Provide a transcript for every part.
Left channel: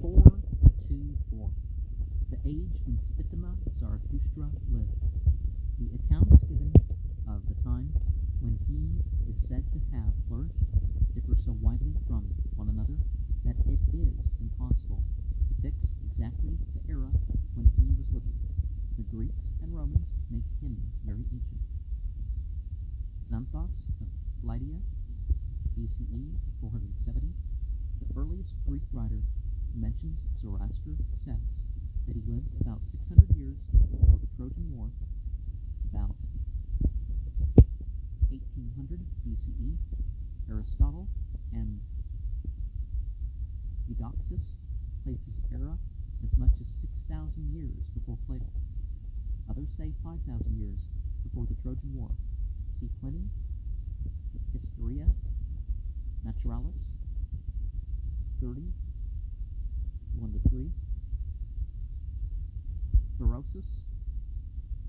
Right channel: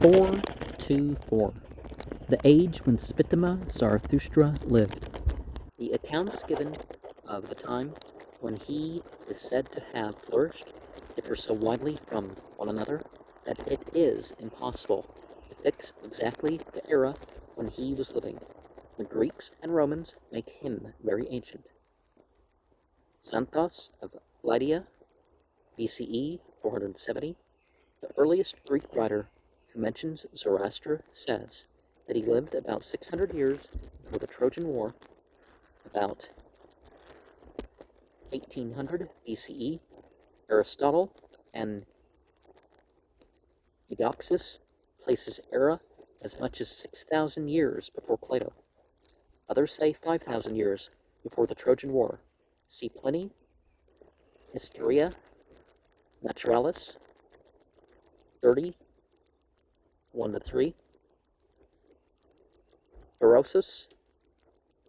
424. The age when Spitima Zarathushtra lived. The accounts given of the time when he is said to have flourished differ so widely from one another that it is impossible to fix exactly the era when he was living. The Greeks and Romans make him very ancient. Xanthos of Lydia, BCE 470, the earliest Greek writer who mentions Zoroaster, says that he lived about 600 years before the Trojan War, about 1800 BCE. Aristotle and Eudoxus places era as much as 6,000 years before Plato. Others say 5,000 years before the Trojan War. See Pliny, Historia Naturalis 30, 1-3. Berosus,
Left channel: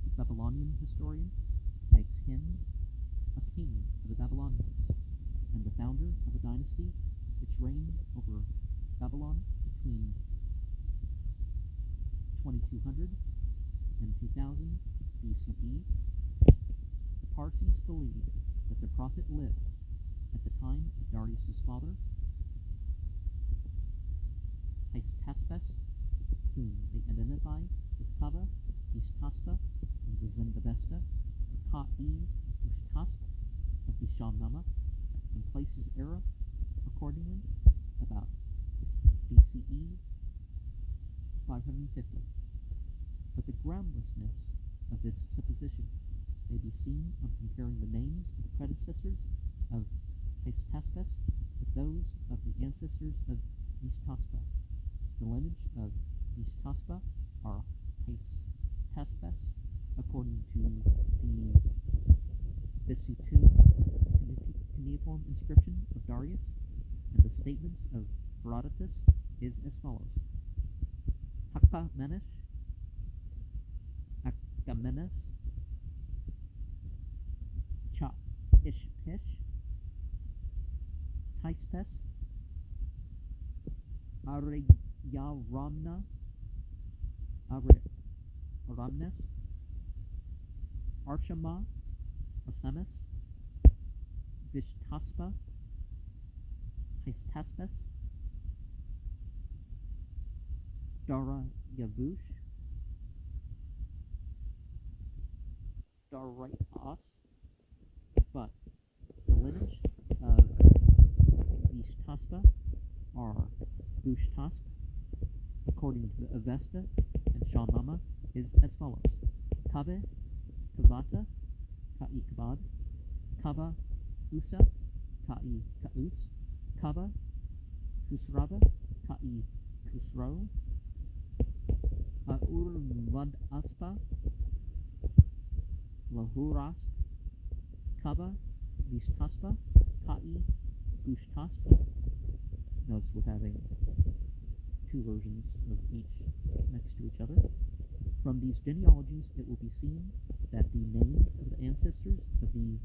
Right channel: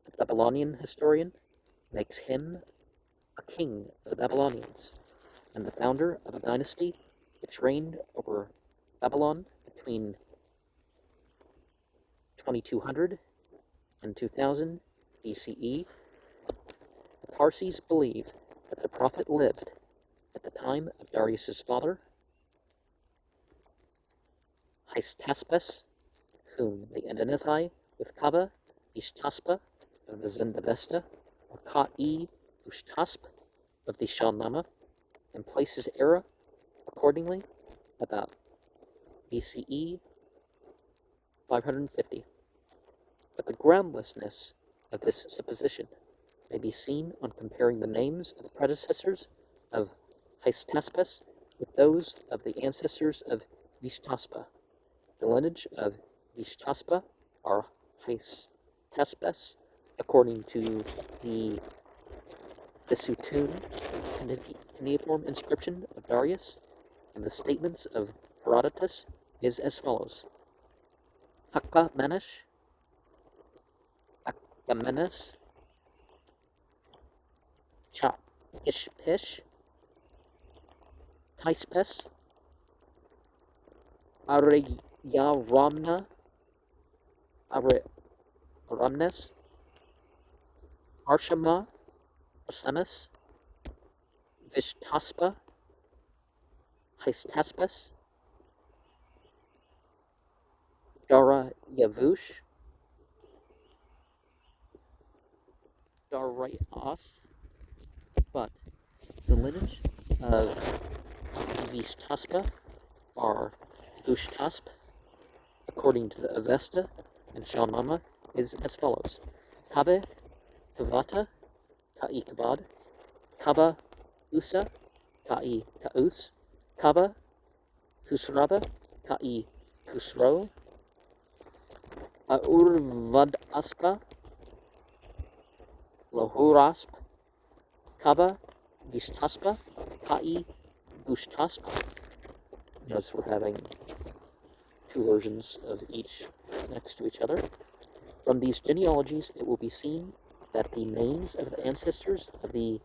the Babylonian historian, makes him a king of the Babylonians and the founder of a dynasty which reigned over Babylon between 2200 and 2000 BCE. The Parsis believe that the prophet lived at the time of Darius's father, Hystaspes, whom they identify with Kava Ishtaspa of the Zendavesta, or Ka-i Ushtasp of the Shahnameh, and places era, accordingly, about BCE 550. But the groundlessness of this supposition may be seen on comparing the names of the predecessors of Hystaspes with those of the ancestors of Vishtaspa. The lineage of Vishtaspa are Hystaspes, according to the Vesutun cuneiform inscription of Darius, and the statements of Herodotus is as follows: Hakamenesh, Cha-Ishpish, Hyspes, Aramnes, Arshama, Arsemis, Vishtaspa, Hystaspes, Darayavush, Darayath. But the lineage of Vishtaspa are Ushtasp, according to the Avesta and Shahnameh, is as follows: Kabe, Kavata, Ka'i Kabad, Kaba, Usa, Ka'i Kaus, Kaba, Kusraba, Ka'i Kusro, Urvad Aspa, Lohurasp, Kaba, Vishtaspa, Ka'i Gushtasp. Notice we're having two versions of each next to each other. From these genealogies, it will be seen that the names of the ancestors of the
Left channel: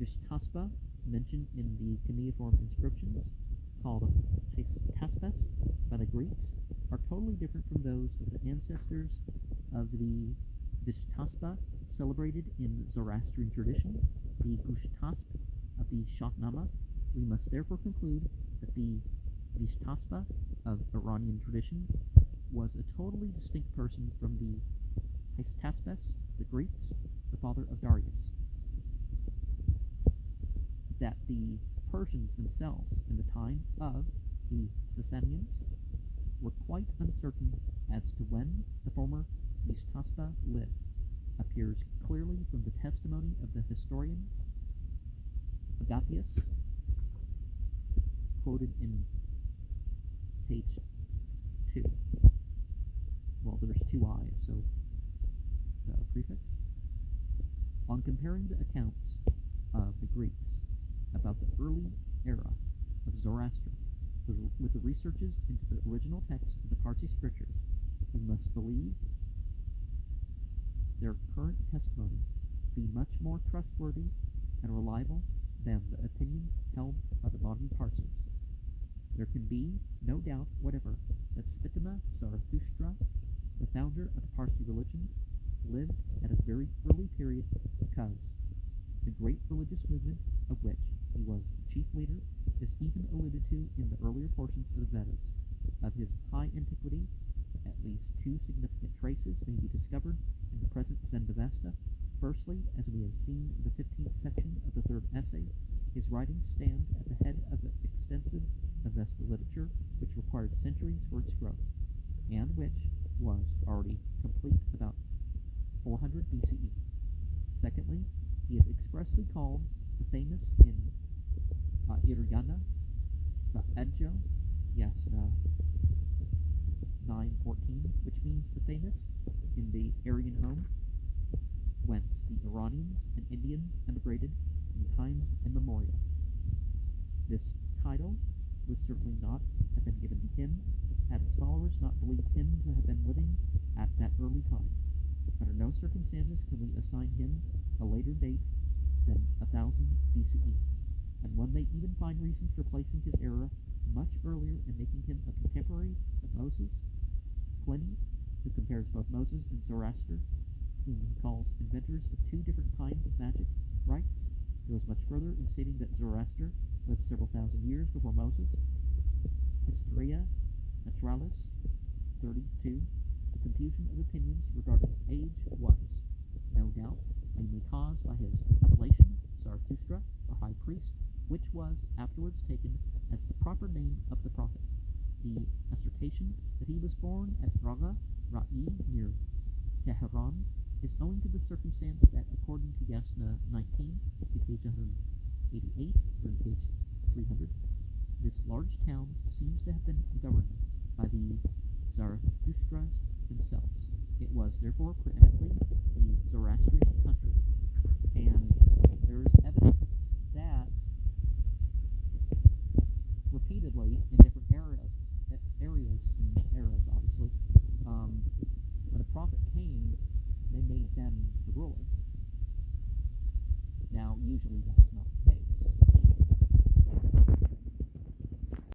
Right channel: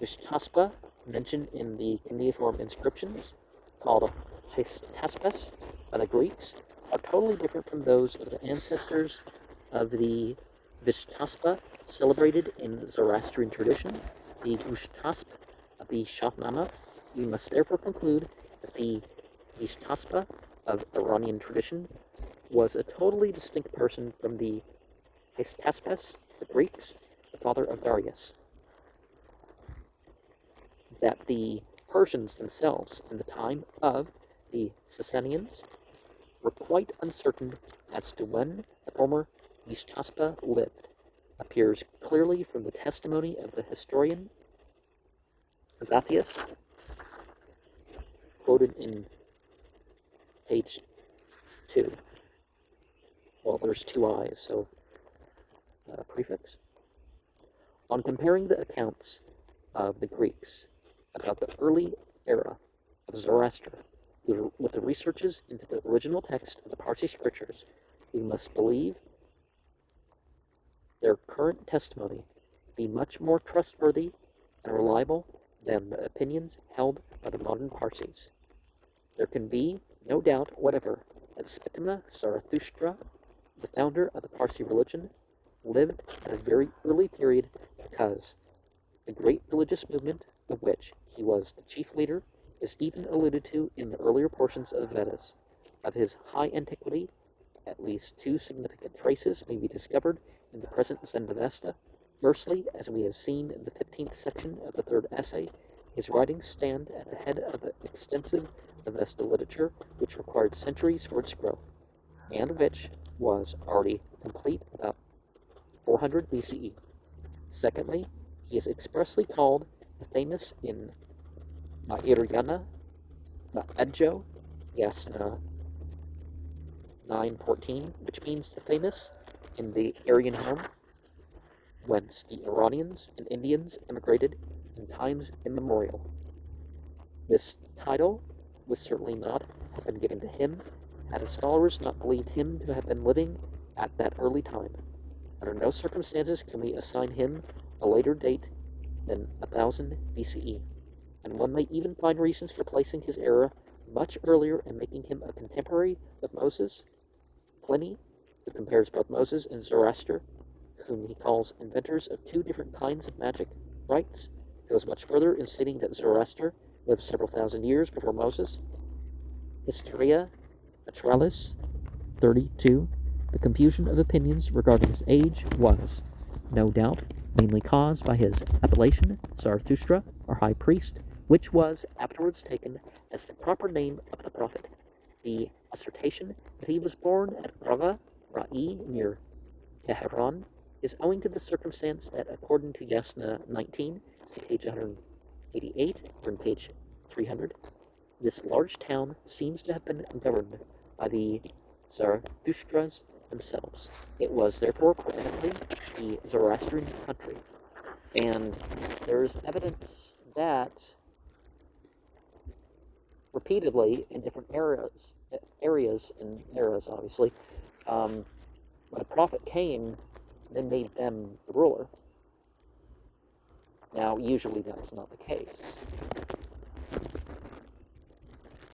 Vishtaspa mentioned in the cuneiform inscriptions, called Hystaspes by the Greeks, are totally different from those of the ancestors of the Vishtaspa celebrated in Zoroastrian tradition, the Gushtasp of the Shahnameh. We must therefore conclude that the Vishtaspa of Iranian tradition was a totally distinct person from the Hystaspes of the Greeks, the father of Darius. That the Persians themselves, in the time of the Sasanians, were quite uncertain as to when the former Vishtaspa lived, appears clearly from the testimony of the historian Agathias, quoted in page 2. Well, there's two I's, so prefix. On comparing the accounts of the Greeks about the early era of Zoroaster with the researches into the original text of the Parsi scriptures, we must believe their current testimony to be much more trustworthy and reliable than the opinions held by the modern Parsis. There can be no doubt whatever that Spitima Zarathushtra, the founder of the Parsi religion, lived at a very early period, because the great religious movement of which he was the chief leader is even alluded to in the earlier portions of the Vedas. Of his high antiquity, at least two significant traces may be discovered in the present Zendavesta. Firstly, as we have seen in the 15th section of the third essay, his writings stand at the head of the extensive Avesta literature, which required centuries for its growth, and which was already complete about 400 BCE. Secondly, he is expressly called the famous in Iryana, the Adjo, Yasna 9:14, which means the famous in the Aryan home, whence the Iranians and Indians immigrated in times immemorial. This title would certainly not have been given to him had his followers not believed him to have been living at that early time. Under no circumstances can we assign him a later date than 1000 BCE, and one may even find reasons for placing his era much earlier and making him a contemporary with Moses. Pliny, who compares both Moses and Zoroaster, whom he calls inventors of two different kinds of magic rites, goes much further in stating that Zoroaster lived several thousand years before Moses. Historia Naturalis 32. The confusion of opinions regarding his age was, no doubt, mainly caused by his appellation, Zarathustra, or high priest, which was afterwards taken as the proper name of the prophet. The assertion that he was born at Rava Ra'i near Tehran is owing to the circumstance that, according to Yasna 19, see page 188 or in page 300, this large town seems to have been governed by the Zarathustras themselves. It was therefore probably the Zoroastrian country, and there's evidence that repeatedly in different areas and eras, obviously, when a prophet came, they made them the ruler. Now, usually that was not the case.